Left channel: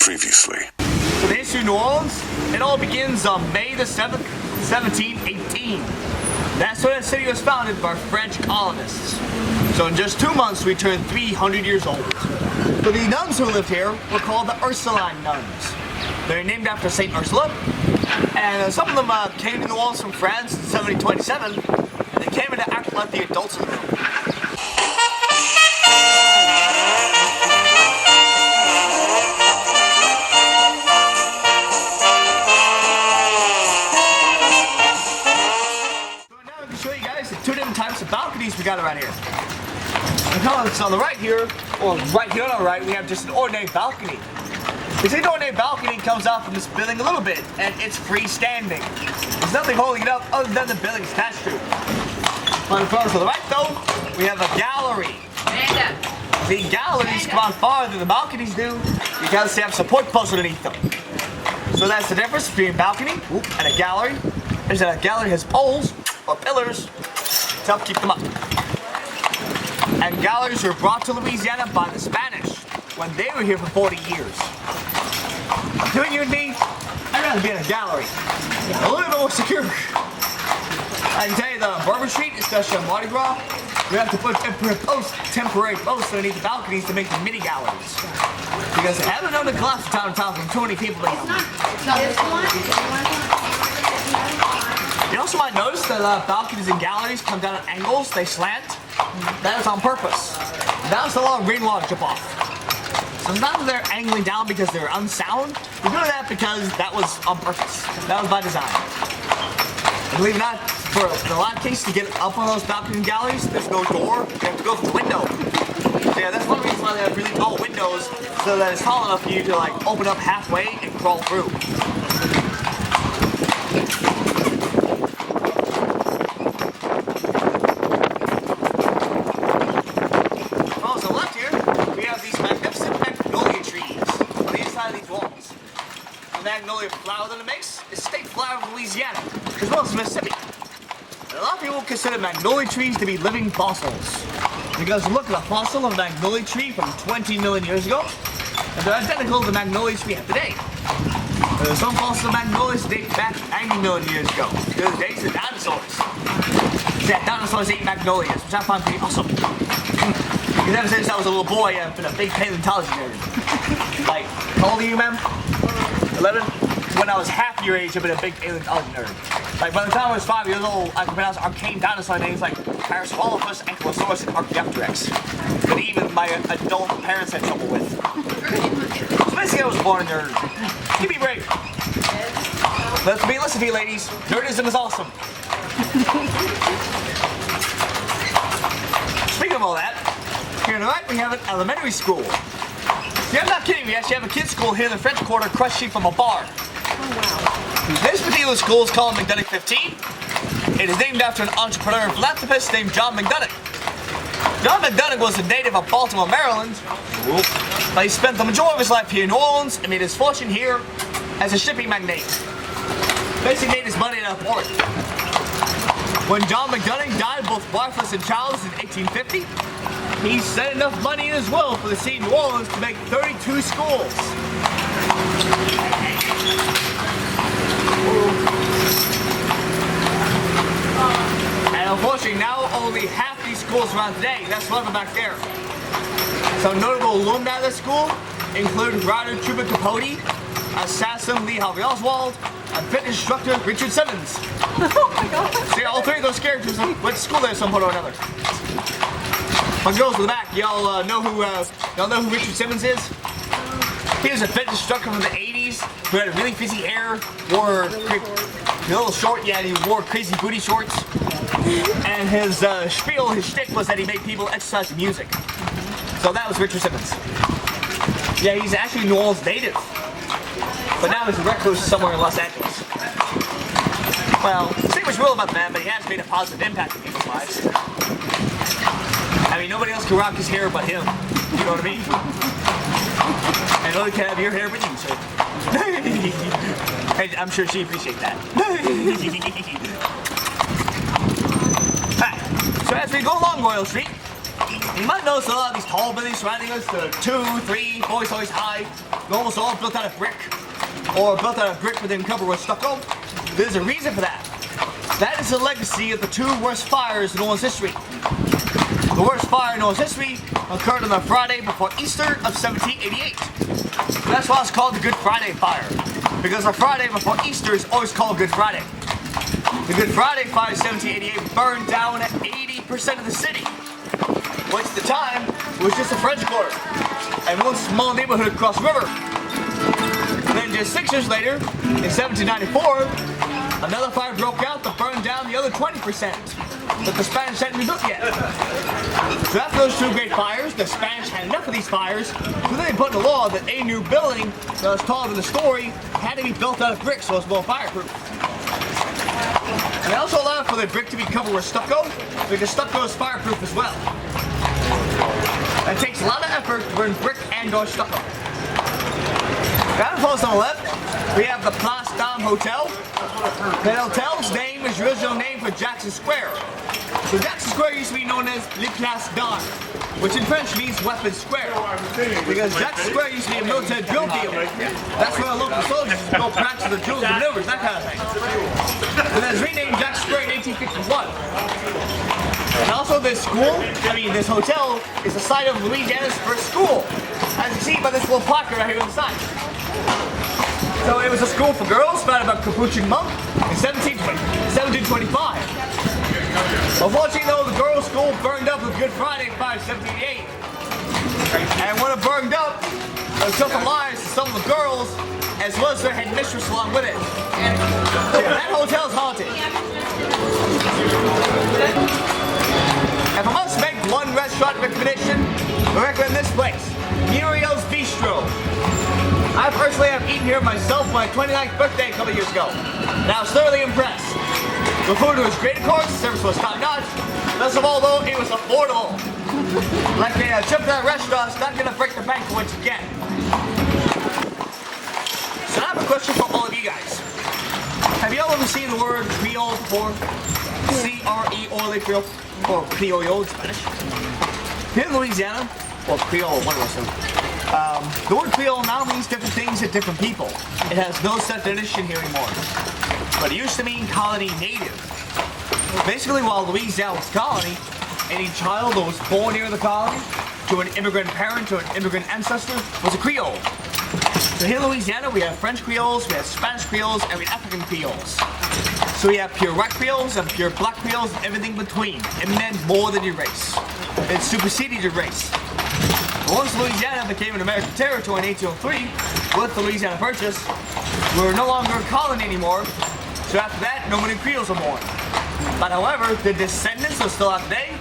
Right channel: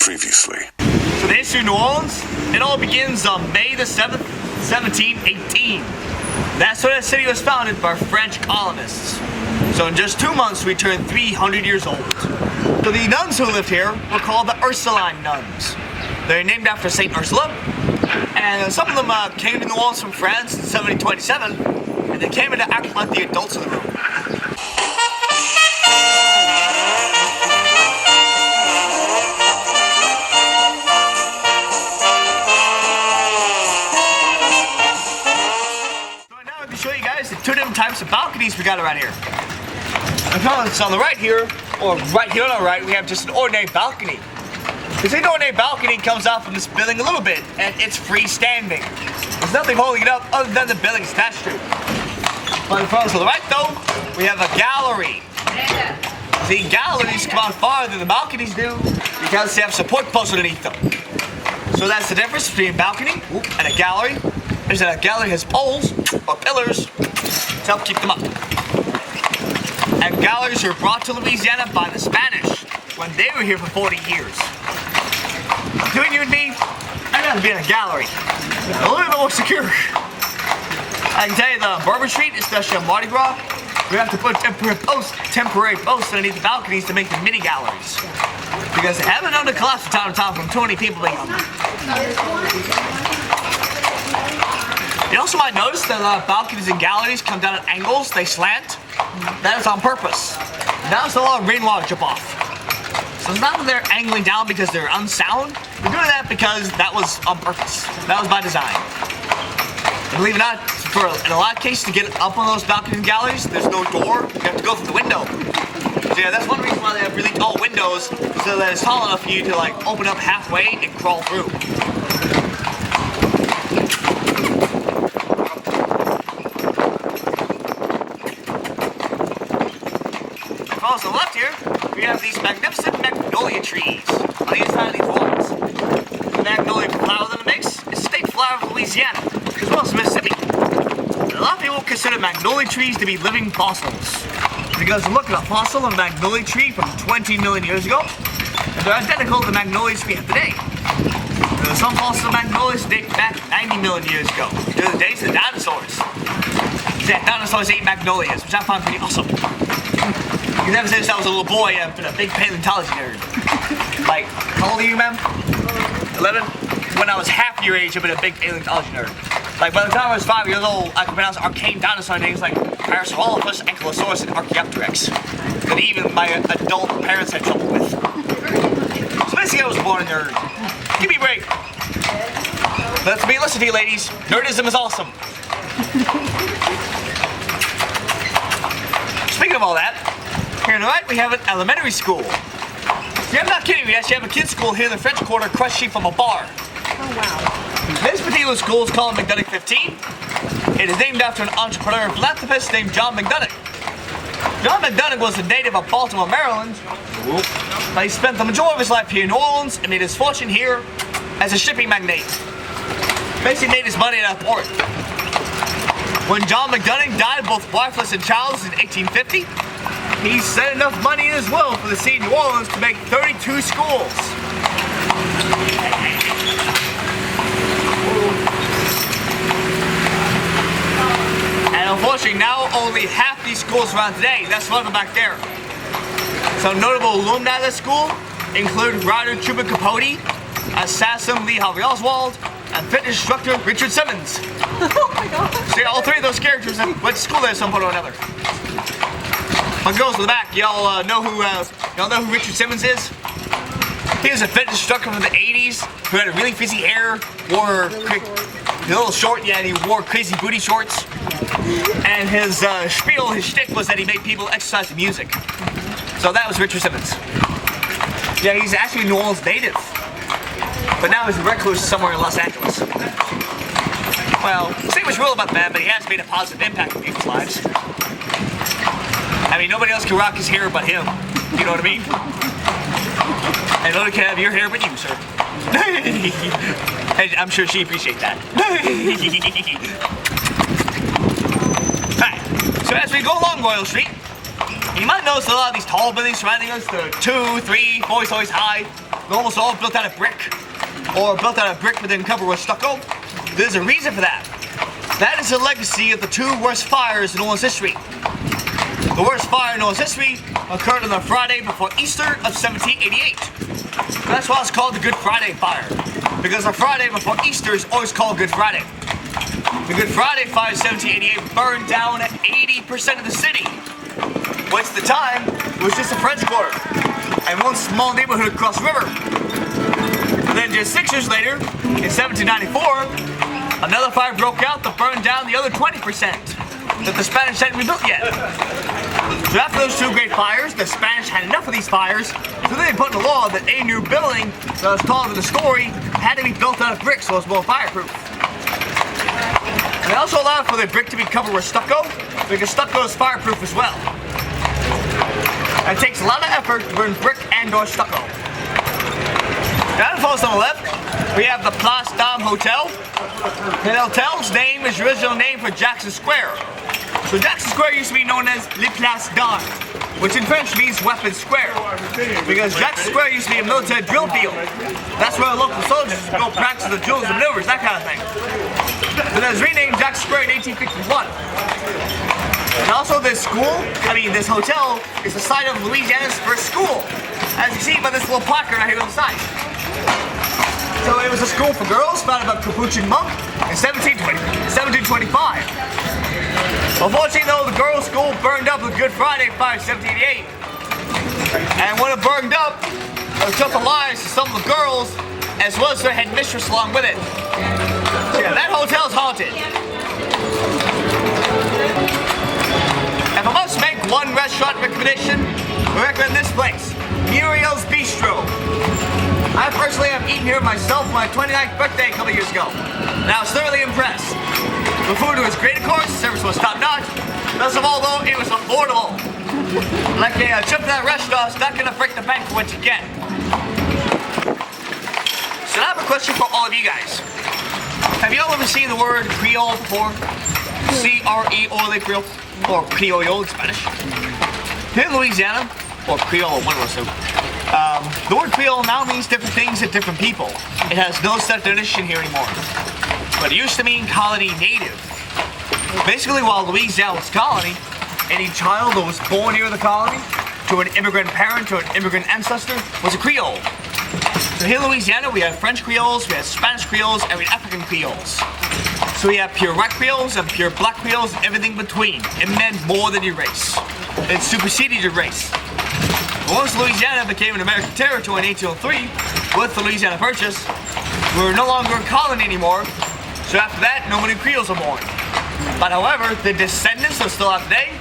Previously. So the history of New Orleans, it all begins on May the 7th, 1718. That's when the city was founded by French colonists. So in just 2 months, we turned 300 years old. So the nuns who lived here were called the Ursuline nuns. They're named after St. Ursula, and some of them came to New Orleans from France in 1727, and they came in to act like the adults in the room. Show you guys the two different types of balconies we got around here. So on the right here, or right here on our right, we have just an ordinary balcony. This ordinary balcony comes out from this building a little bit, and it's freestanding. There's nothing holding it up other than the building it's attached to. On the right though, we have a gallery. The galleries come out farther than the balconies do because they have support posts underneath them. So that's the difference between a balcony and a gallery. Is that a gallery has poles or pillars to help keep them up. And galleries were brought to Louisiana by the Spanish when they were here for 40 years. Between you and me, I'd rather be in a gallery. A little bit more secure. I can tell you the Bourbon Street, especially on Mardi Gras, we have to put temporary posts underneath the balconies to make the mini galleries. Because they haven't known to collapse from time to time from too many people being on them. You also might notice that balconies and galleries come down at angles, they slant. That is on purpose. That was a lot of rainwater drip off. So it's not that they're angling down because they're unsound. We're doing that because that was on purpose. That was by design. And believe it or not, in a lot of cases to get up on those balconies and galleries, there's no door. You have to go through the window. So yeah, that's one reason why they have really tall windows, so that it's tall enough for you to like open up halfway and crawl through. On the left here, we have these magnificent magnolia trees on the inside of these walls. The magnolia flower that it makes is state flower of Louisiana, as well as Mississippi. And a lot of people consider magnolia trees to be living fossils, because look at a fossil of a magnolia tree from 20 million years ago, and they're identical to the magnolias we have today. There's some fossils of magnolias date back 90 million years ago, to the days of the dinosaurs. Yeah, dinosaurs ate magnolias, which I find pretty awesome. Because ever since I was a little boy, I've been a big paleontology nerd. Like, how old are you, ma'am? 11? When I was half your age, I've been a big paleontology nerd. Like, by the time I was 5 years old, I could pronounce arcane dinosaur names like Parasaurolophus, Ankylosaurus, and Archaeopteryx. That even my adult parents had trouble with. So basically, I was born a nerd. Give me a break. Let's be listen to you, ladies. Nerdism is awesome. Speaking of all that, here on the right, we have an elementary school. Yeah, I'm not kidding. We actually have a kids' school here in the French Quarter, across street from a bar. Oh, wow. This particular school is called McDonough 15. It is named after an entrepreneur and philanthropist named John McDonough. John McDonough was a native of Baltimore, Maryland. But he spent the majority of his life here in New Orleans and made his fortune here as a shipping magnate. Basically made his money at a port. When John McDonough died both wifeless and childless in 1850, he sent enough money in his will for the city of New Orleans to make 32 schools. And unfortunately, now only half these schools around today. That's one of them back there. Some notable alumni of this school include writer Truman Capote, assassin Lee Harvey Oswald, and fitness instructor Richard Simmons. Oh my god. See, all three of those characters went to school there at some point or another. My girls in the back, y'all know who Richard Simmons is? He was a fitness instructor from the 80s who had a really frizzy hair, wore a little short, yeah, and he wore crazy booty shorts. And his spiel, his shtick was that he made people exercise to music. So that was Richard Simmons. Yeah, he's actually a New Orleans native. But now he's a recluse somewhere in Los Angeles. Well, say what's real about the man, but he has made a positive impact on people's lives. I mean, nobody else can rock his hair but him. You know what I mean? And nobody can have your hair but you, sir. And I'm sure she appreciates that. Alright, so as we go along Royal Street, you might notice a lot of these tall buildings surrounding us, they're 2, 3, 4 stories high. almost all built out of brick, or built out of brick but then covered with stucco. There's a reason for that. That is the legacy of the two worst fires in New Orleans history. The worst fire in New Orleans history occurred on the Friday before Easter of 1788. That's why it's called the Good Friday Fire, because the Friday before Easter is always called Good Friday. The Good Friday Fire of 1788 burned down 80% of the city, which at the time was just a French quarter and one small neighborhood across the river. And then just 6 years later, in 1794, another fire broke out that burned down the other 20% that the Spanish hadn't rebuilt yet. So after those two great fires, the Spanish had enough of these fires, so they put in a law that any new building that was taller than the story had to be built out of brick so it was more fireproof. They also allowed for the brick to be covered with stucco, because stucco is fireproof as well. It takes a lot of effort to burn brick and or stucco. Down the post on the left, we have the Place Dame Hotel. The hotel's name is the original name for Jackson Square. So Jackson Square used to be known as Le Place Dame, which in French means Weapons Square, because Jackson Square used to be a military drill field. That's where local soldiers would go practice the drills and maneuvers, that kind of thing. So that was renamed Jackson Square in 1851. And also this hotel is the site of Louisiana's first school, as you see by this little placard right here on the side. So it was a school for girls founded by a Capuchin monk in 1725. Unfortunately though, the girls' school burned up with Good Friday Fire in 1788. And when it burned up, it took the lives of some of the girls as well as their headmistress along with it. So yeah, that hotel's haunted. If I must make one restaurant recommendation, I recommend this place, Muriel's Bistro. I personally have eaten here myself for my 29th birthday a couple years ago, and I was thoroughly impressed. The food was great, of course, the service was top-notch, best of all though, it was affordable. Like a trip to that restaurant, it's not gonna break the bank for what you get. So I have a question for all of you guys. Have you all ever seen the word Creole before? C-R-E-O-L-E, Creole, or Criollo in Spanish. Here in Louisiana, or Creole, one of those two. The word Creole now means different things to different people. It has no set definition here anymore. But it used to mean colony native. Basically, while Louisiana was colony, any child that was born here in the colony, to an immigrant parent, to an immigrant ancestor, was a Creole. So here in Louisiana, we have French Creoles, we have Spanish Creoles, and we have African Creoles. So we have pure white Creoles and pure black Creoles and everything between. It meant more than your race. It superseded your race. Once Louisiana became an American territory in 1803, with the Louisiana Purchase, we were no longer a colony anymore, so after that, no many Creoles were born. But however, the descendants are still out today,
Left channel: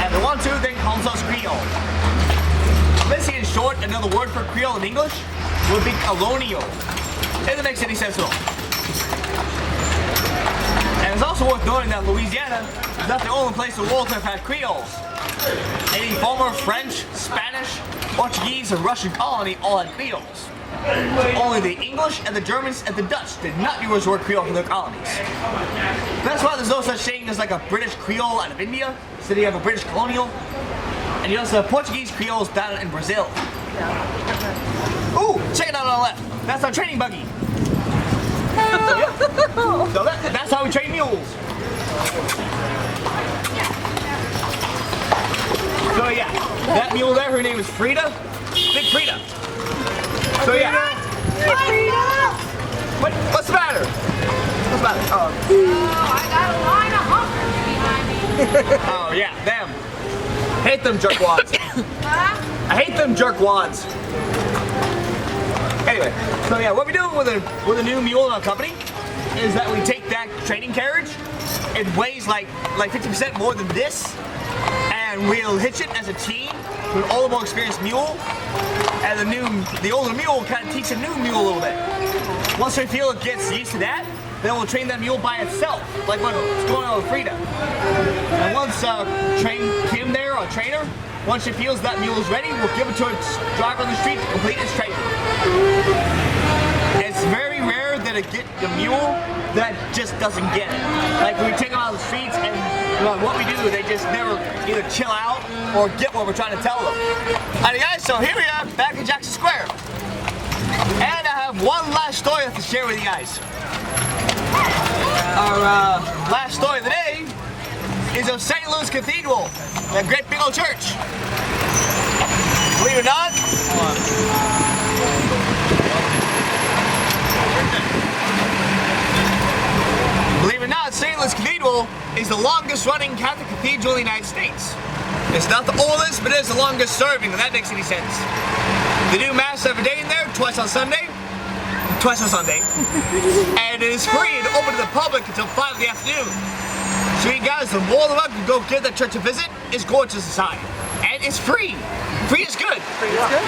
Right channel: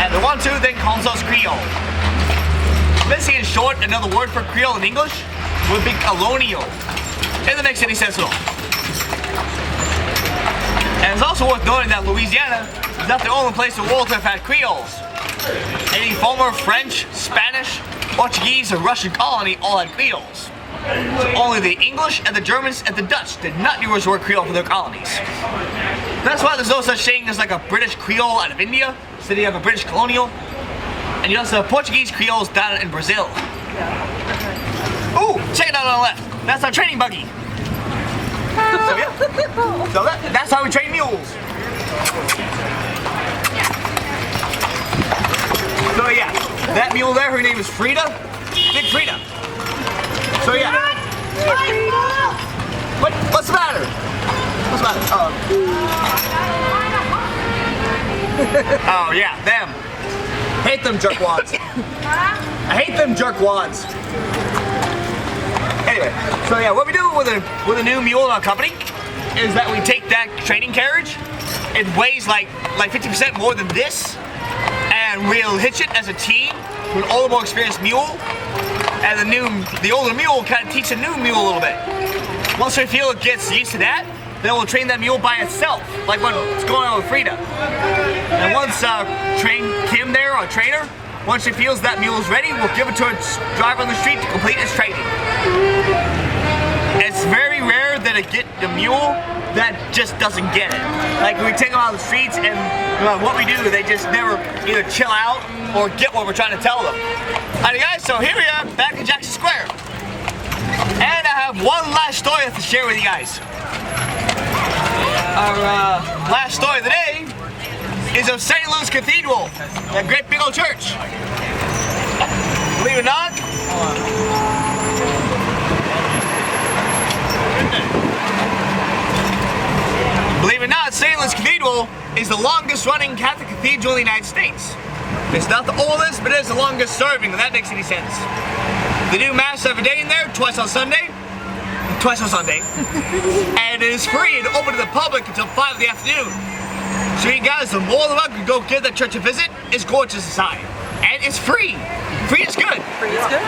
and the one who then calls us Creole. Basically, in short, another word for Creole in English would be colonial, if that makes any sense at all. And it's also worth noting that Louisiana is not the only place in the world to have had Creoles. Any former French, Spanish, Portuguese, or Russian colony all had Creoles. Only the English and the Germans and the Dutch did not use the word Creole for their colonies. That's why there's no such thing as like a British Creole out of India, so you have a British colonial. And you also have Portuguese Creoles down in Brazil. Ooh, check it out on the left. That's our training buggy. So yeah, so that's how we train mules. So yeah, that mule there, her name is Frida. Big Frida. So yeah. What's the matter? What's the matter? Oh yeah, them. Hate them jerkwads. I hate them jerkwads. Anyway, so yeah, what we do with a new mule in our company is that we take that training carriage. It weighs like 50% more than this, and we'll hitch it as a team to an older, more experienced mule. And the older mule kind of teach the new mule a little bit. Once we feel it gets used to that, then we'll train that mule by itself, like what's going on with Frida. And once train Kim there, our trainer, once she feels that mule is ready, we'll give it to its driver on the street to complete its training. It's very rare that I get the mule that just doesn't get it. Like we take them out on the streets and what we do, they just never either chill out or get what we're trying to tell them. Alright guys, so here we are back in Jackson Square. And I have one last story to share with you guys. Our last story of the day is of St. Louis Cathedral, that great big old church. Believe it or not, St. Louis Cathedral is the longest running Catholic cathedral in the United States. It's not the oldest, but it is the longest serving, if that makes any sense. They do Mass every day in there, twice on Sunday. And it is free and open to the public until 5 in the afternoon. So you guys are more than welcome to go give that church a visit. It's gorgeous inside. And it's free. Free is good. Free is good.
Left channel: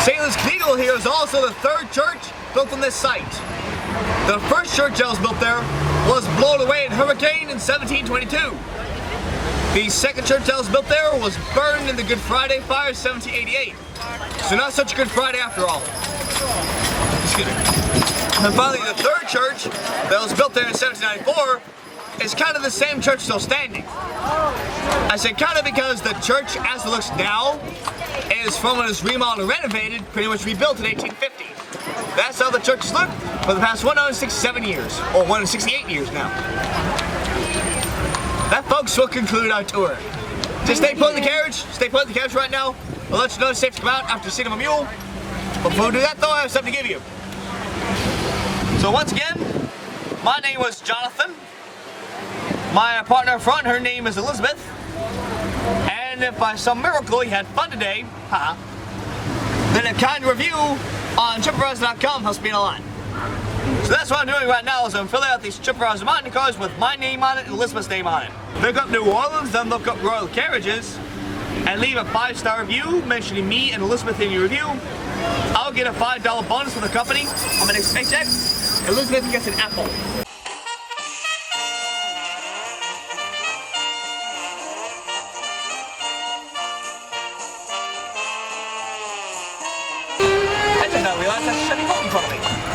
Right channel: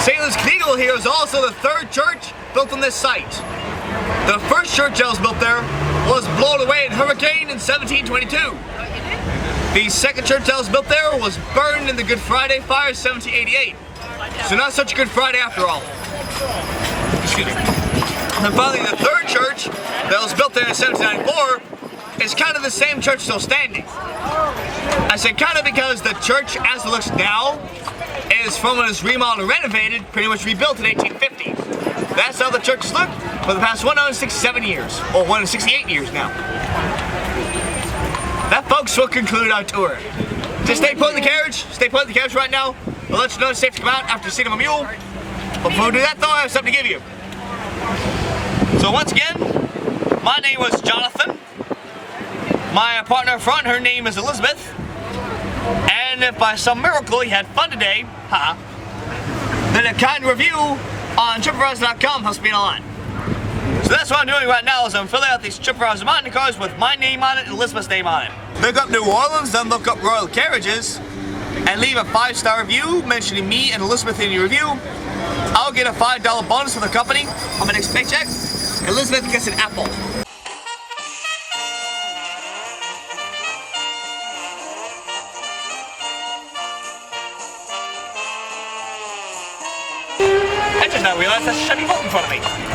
St. Louis Cathedral here is also the third church built on this site. The first church that was built there was blown away in a hurricane in 1722. The second church that was built there was burned in the Good Friday fire in 1788. So not such a good Friday after all. Excuse me. And finally, the third church that was built there in 1794 is kind of the same church still standing. I say kind of because the church as it looks now is from when it was remodeled and renovated, pretty much rebuilt in 1850. That's how the church has looked for the past 167 years, or 168 years now. That, folks, will conclude our tour. Just stay put in the carriage. Stay put in the carriage right now. We'll let you know it's safe to come out after seeing a mule. Before we do that, though, I have something to give you. So once again, my name was Jonathan. My partner up front, her name is Elizabeth. And if by some miracle you had fun today, then a kind review on TripAdvisor.com helps me a lot. So that's what I'm doing right now is I'm filling out these TripAdvisor Mountain cards with my name on it and Elizabeth's name on it. Look up New Orleans, then look up Royal Carriages, and leave a 5-star review mentioning me and Elizabeth in your review. I'll get a $5 bonus from the company on my next paycheck. Elizabeth gets an apple. I did not realize that's shutting home in front of me.